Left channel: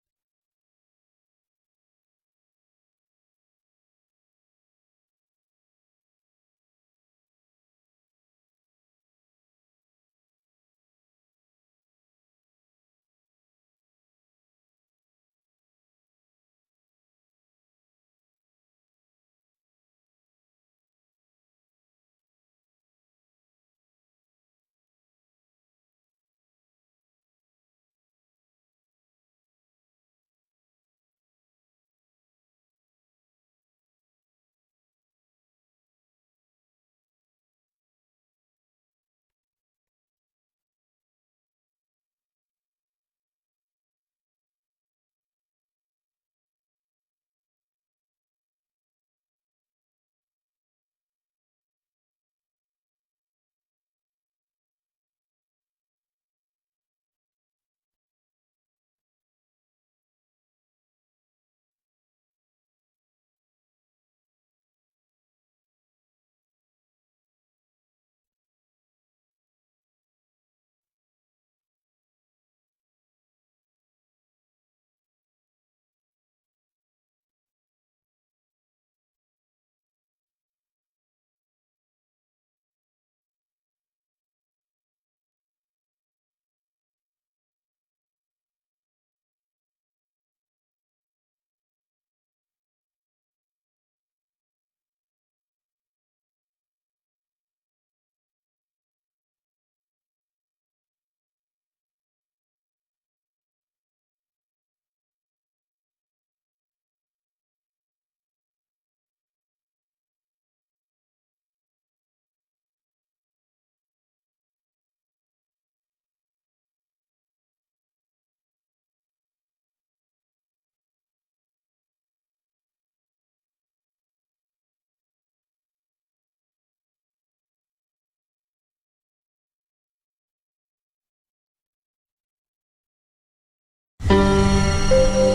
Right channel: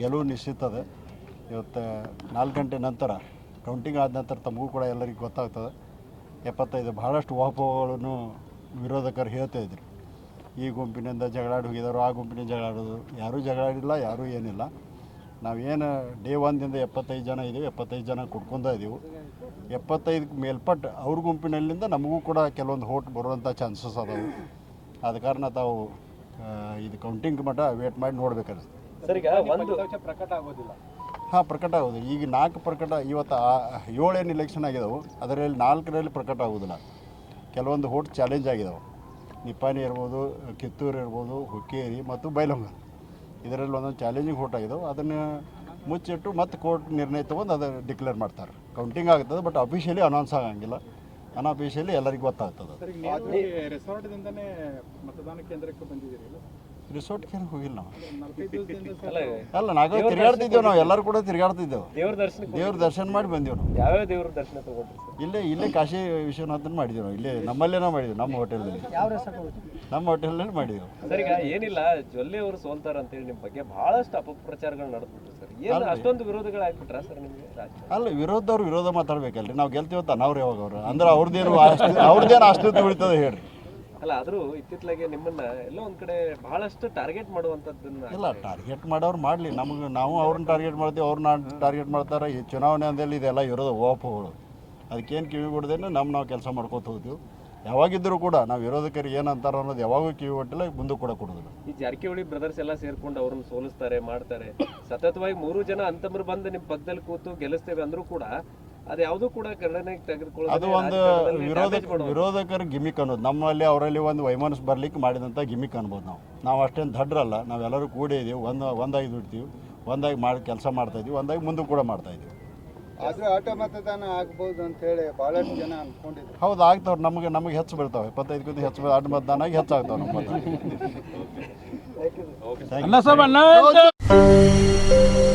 ಗೆಲುವು ನಿಶ್ಚಿತದೆ. ಇವತ್ತು ನಾಲ್ಕು ಗಂಟೆ ನಂತರ ಕೌಂಟಿಂಗ್ ಆದ ನಂತರ ತಮಗೂ ಕೂಡ ಎಲ್ಲರಿಗೂ ಗೊತ್ತಾಗ್ತದೆ. ಎಪ್ಪತ್ತೈದು ಭಾಳಷ್ಟು ವಾಪಗಳನ್ನು ವಿರೋಧಕರು ಹೇಳ್ತಾ ಇದ್ರು. ಈ ಗುಂಪಿನಿಂದ ಜಗಳಾಡಿ ಹೋಗಿದ್ದಾರೆ, ಆ ಗುಂಪಿನಿಂದ ಜಗಳಾಡೋದು ಯಾರೂ ಜಗಳಾಡಿಲ್ಲ, ಯಾರೂ ಏನಿಲ್ಲ. ನಾವೇನು ಡೇ ಒಂದಿಂದ ಎಪ್ಪತ್ತೈದು ಜನ ಇದ್ದೀವಿ ಎಪ್ಪತ್ತೈದು ಜನ ಕುಡ್ಕೊಂಡ ಇದ್ದೀವಿ ಎಪ್ಪತ್ತೈದು ಮೇಲ್ಪಟ್ಟು ಅವ್ರ ಗುಂಪಿನಲ್ಲಿಂದ ನಮಗೂ ಕೂಡ ಕೆಲವೊಂದು ಹೋಟ್ ಬರುವಂಥ ಚಾನ್ಸಸ್ ಅದಾವೆ. ಆದ ಕಾರಣ ತಾವು ಇದು ಕೌಂಟಿಂಗ್ ಮಟ್ಟ ವೇಟ್ ಮಾಡಿ ನೋಡ್ಬೇಕಾದ್ರೆ ಸರ್ ಈಗ ಒಂದು ಪ್ರಕಟ ಆಗೋದಿಲ್ಲ. ಹಾಂ ಪ್ರಕಟ ಆಗೋದು. ಈಗ ನಾಲ್ಕು ಪ್ರಕಟ ಇವತ್ತು ಏಳೇನು ಇಲೆಕ್ಷನ್ ಆಗಿದಾವೆ ಅದರಲ್ಲಿ ನಾಲ್ಕರಲ್ಲಿ ಪ್ರಕಟ ಆಗೋದಿಲ್ಲ. ಕೆಲವೊಂದು ಹೋಟ್ ಚಾಲೆಂಜ್ ಆಗಿದಾವೆ. ನಿಪ್ಪಾನಿ ಇರ್ಬೋದು ಕಿತ್ತೂರು ಇರ್ಬೋದು ಹುಕ್ಕೇರಿ ಮತ್ತು ಬೈಲಂಗ ಇದರಲ್ಲಿ ಒಂದೊಂದು ಚಾಲೆಂಜಿಂಗ್ ಹೋಟ್ ಆಗಿದಾವೆ. ಅದನ್ನು ಮುಚ್ಚಿಟ್ಟು ಮತ್ತೆ ಕೋರ್ಟ್ ನಿರ್ಣಯ ತೊಗೊಂಡು ಅದು ಡಿಕ್ಲೇರ್ ಮಾಡ್ತಾರೆ. ಕೌಂಟಿಂಗ್ ಆಗ್ತದೆ ಬಟ್ ಅಫಿಷಿಯಲಿ ಅನೌನ್ಸ್ ಆಗಂಗಿಲ್ಲ. ಅನ್ಅಫಿಷಿಯಲಿ ಎಲ್ಲರಿಗೂ ಗೊತ್ತಾಗ್ತದೆ ನೀವು ರಿಸೋರ್ಟ್ಗೆ ಹೋಗಿಲ್ಲ ನಾವು. ಅಲ್ಲ ನಾವು ನಾವೇ ತಿರುಗಾಡ್ತಿದ್ದೇವೆ ನಾವು ಎಲ್ಲರೂ ಕೂಡ ತಿರುಗಾಡ್ತಿದ್ದೇವೆ. ದೇವ್ರ ದರ್ಶನ ದೇವ್ರ ದರ್ಶನ ಮಾಡಿ ಬಂದೆವು ನಾವು. ಯಾವ್ಯಾವ ದೇವ್ರ ದರ್ಶನ ತಗೊಂಡ್ರಿ ಇಲ್ಲೇ ಇಲ್ಲೇ ಕಾಶಿ ವಿಶ್ವನಾಥನ್ ಮಾಡಿದ್ದೀವಿ ನಾವು. ಇಲ್ಲೇ ನಮ್ಮಲ್ಲೇನೋ ಮಾಡಿದ್ವಿ ನಮ್ಮ ಹೋಟೆಲಲ್ಲಿ ನಮ್ಮ ಹೋಟೆಲ್ನಲ್ಲಿ ಮಾಡಿದ್ದೀವಿ ಸರ್ ಈಗ ಏನಿಲ್ಲ ಜೊಲ್ಲೆ ಅವರು ಸೋಲ್ತಾರ ಅಂತೇಳಿ ನಿಮ್ಮ ಬಗ್ಗೆ ಬಹಳಷ್ಟು ಅಪಪ್ರಚಾರಗಳು ನಡೆದ್ಬಿಟ್ರು ಸರ್. ಏನು ಅಷ್ಟೊಂದು ವಿರೋಧಗಳು ಆಗ್ಬಿಟ್ರ ಸರ್ ನಿಮಗೆ ಅಲ್ಲ ವಿರೋಧದವ್ರು ವಿರೋಧ ಮಾತಾಡ್ಬೇಕಲ್ರಿ. ನಾವು ಗೆಲ್ತೀವತ್ತ ಅನ್ನವ್ರು ಯಾವಾಗ ಅವ್ರು? ಅಂದ್ರೆ ಅವ್ರದ್ದೇನು ಅಷ್ಟು ಅವ್ರದ್ದೇನು ಅಷ್ಟು ಉಳಿತದೆ ಹೇಳ್ರಿ. ಅಲ್ಲ ಆದ್ರೂ ಇತ್ತಿತ್ಲಾಗೆ ನಿಮ್ಮನ್ನ ಎಲ್ಲೋ ಒಂದ್ ಕಡೆ ಬಹಳಷ್ಟು ಟಾರ್ಗೆಟ್ ಮಾಡುವಂತದ್ದನ್ನ ಇಲ್ಲ ಟಾರ್ಗೆಟ್ ಮಾಡೋರು ಮಾಡಲಿ. ನಮಗೆ ನಾವು ಅವ್ರನ್ನ ಟಾರ್ಗೆಟ್ ಮಾಡ್ತೀವಿ ಅವ್ರನ್ನ ಟಾರ್ಗೆಟ್ ಮಾಡ್ತಾರೆ. ಈ ಚುನಾವಣೆ ಅಂದಲ್ಲಿ ಇದೆಲ್ಲ ಇರೋದು ಓಪುಗಳು ಅದಕ್ಕೇನು ಕಿವಿ ಕೊಡ್ದೇನೆ ನಮ್ಮ ನಾವು ಕೆಲಸ ಮಾಡ್ಕೋತ ಹೋದ್ವಿ ಯಾವಾಗಿದ್ದರೂ ಕೂಡ ನಾವು ವಿರೋಧಕರಿಗೆ ಏನು ಅಂತಾರೋ ಅನ್ನೋದು ಯಾವಾಗೂ ಕಿವಿ ಕೊಟ್ಟಿಲ್ಲ ಮುಂದೆ ಕೂಡ ಕೊಡೋದಿಲ್ಲ. ಈ ಜಾರಕಿಹೊಳಿ ಬ್ರದರ್ಸ್ ಎಲ್ಲ ಸೇರ್ಕೊಂಡು ಅವ್ರನ್ನ ಸೋಲಿಸ್ತಾರೆ ಮಾಡ್ತಾರೆ. ಸತತವಾಗಿ ಮೂರು ಜನ ಅಂತಮ್ರು ಬಂದು ನಿಮ್ಮ ಪಕ್ಕದಲ್ಲಿ ಕೂತು ಗೆಲ್ಲಿಸ್ತೇವೆ ಅಂದ್ರೂ ಕೂಡ ಅದು ಯಾವುದು ಕೂಡ ಗಣನೆಗೆ ತೆಗೆದುಕೊಳ್ಳೋದು ಅದು ಒಂದು ವಿರೋಧ ವಿರೋಧಕರ ಗಿಮಿಕ್ ಅನ್ನೋದು. ನಮ್ಮಲ್ಲಿ ಅವರಲ್ಲಿ ಒಂದು ವೈಮನಸ್ ಬರ್ಲಿಕ್ಕೆ ಮಾಡಿದಂಥ ಗಿಮಿಕ್ ಅನ್ಬೋದು ನಾವು. ನಾವು ಅಷ್ಟೇನು ದಡ್ರಲ್ಲ. ನಾವೆಲ್ಲರೂ ಕೂಡಿ ಇದೀವಿ. ಒಂದು ಒಂದಾಗಿ ದುಡ್ತೀವಿ. ಒಂದಾಗಿ ಮಾಡಿ ಕೆಲಸ ಮಾಡ್ತಾ ಇದೀವಿ. ಒಂದಾಗಿ ಮುಂದೆ ಕೂಡ ಮಾಡ್ತಾ ಇದೀವಿ. ಆದ್ರೆ ಆಟ ಮತದಾನ ಆಗ್ಬೋದು ಅಂತ ಹೇಳಿ ಬಹಳಷ್ಟು ಜನ ಅನ್ಕೊಂಡಿದ್ರು. ಹೌದು ಆಗ್ತಾವ್ರು. ನಮಗೆ ನಮಗೆ ಹೆಚ್ಚು ಬೀಳ್ತಾವೆ ಇಪ್ಪತ್ತೈದಕ್ಕಿಂತ ಹೆಚ್ಚು ಅಡ್ಡ ಮತದಾನ ಆಗಿ ಹೆಚ್ಚಾಗ್ತಾವೆ ನಮ್ಮ ಮತ.